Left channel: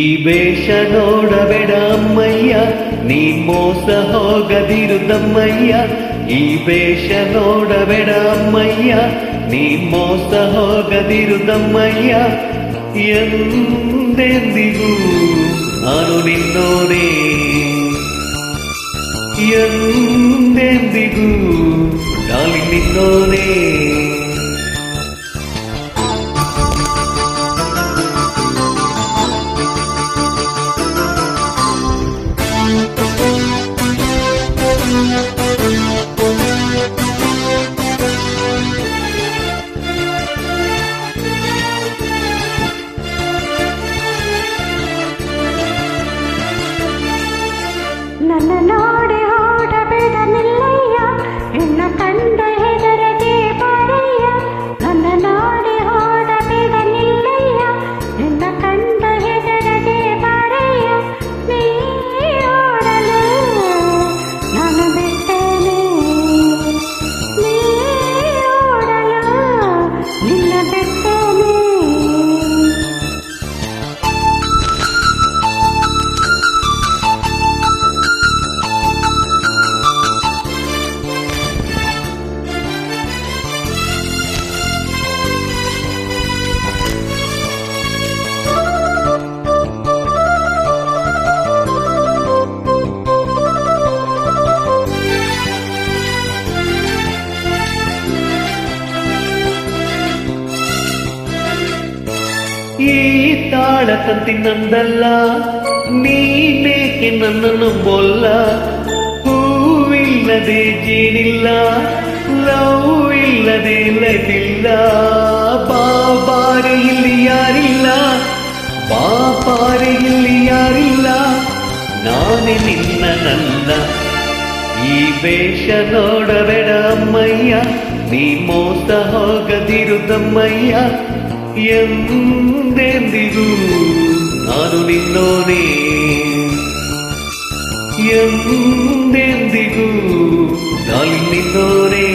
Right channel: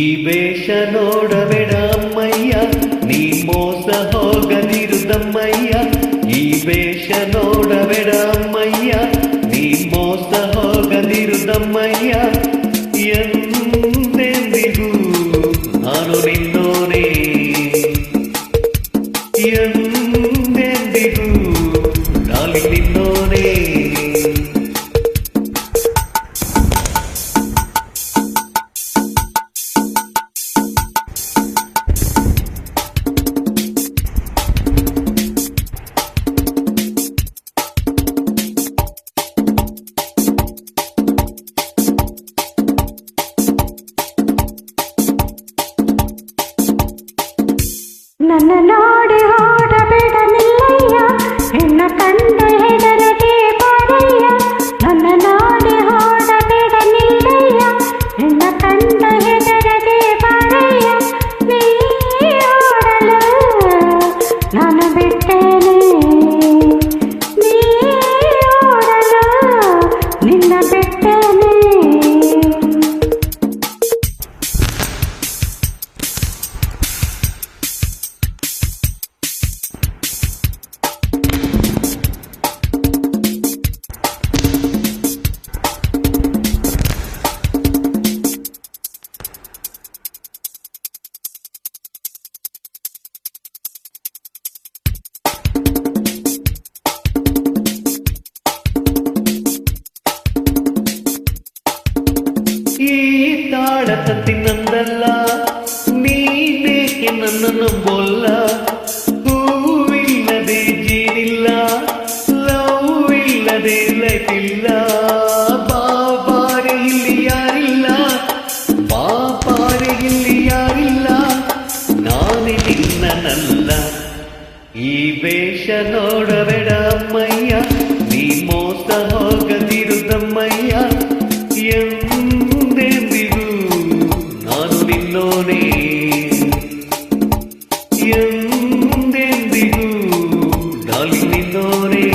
ಈ ವೇಷ ನೋಡಬೇಡ ಅಮ್ಮಯ್ಯ, ನೀ ಮೋಸ ಹೋಗದಿರುದಮ್ಮಯ್ಯ. ಈ ವೇಷ ನೋಡಬೇಡ ಅಮ್ಮಯ್ಯ, ನೀ ಮೋಸ ಹೋಗದಿರುದಮ್ಮಯ್ಯ. ಎಂದೆಂದಿಗೂ ನಾನು ನಿನ್ನೋನೇ, ಎಂದೆಂದಿಗೂ ಡಾರ್ಲಿಂಗ್ ನಿನ್ನೋನೇ. ನನ್ನ ನೋಡಿ ಓಡಬೇಡ ನಿಲ್ಲಯ್ಯ, ಹೆಣ್ಣ ಕಂಡ ಹೆದರದೆ ಬಾರಯ್ಯ. ನನ್ನ ನೋಡಿ ಓಡಬೇಡ ನಿಲ್ಲಯ್ಯ, ಹೆಣ್ಣ ಕಂಡ ಹೆದರದೆ ಬಾರಯ್ಯ. ನೀ ಓಡಲು ನಾನು ಬಿಟ್ಟೇನೆ, ನೀ ಓಡಲು ನಿನ್ನ ಬಿಟ್ಟೇನೆ. ಈ ತಾಳ ತಂತಿ ನಂದಲ್ಲ, ನೀನೇಕೆ ನನ್ನ ನಂಬೋಲ್ಲ. ಹೂವಿಲ್ಲದೆ ಜೇನಿಲ್ಲ, ಲವ್ ಇಲ್ಲದೆ ಲೈಫ್ ಇಲ್ಲ. ಬಾಬಾರೆ ಇಲ್ಲಿ ಯಾರಿಲ್ಲ, ಬಾಬಾರೆ ಇಲ್ಲಿ ಯಾರಿಲ್ಲ, ನಾನೇ ನಿನ್ನ ನನ್ನ. ಈ ವೇಷ ನೋಡಬೇಡ ಅಮ್ಮಯ್ಯ, ನೀ ಮೋಸ ಹೋಗದಿರುದಮ್ಮಯ್ಯ. ಎಂದೆಂದಿಗೂ ನಾನು ನಿನ್ನೋನೇ, ಎಂದೆಂದಿಗೂ ಡಾರ್ಲಿಂಗ್ ನಿನ್ನೋನೇ.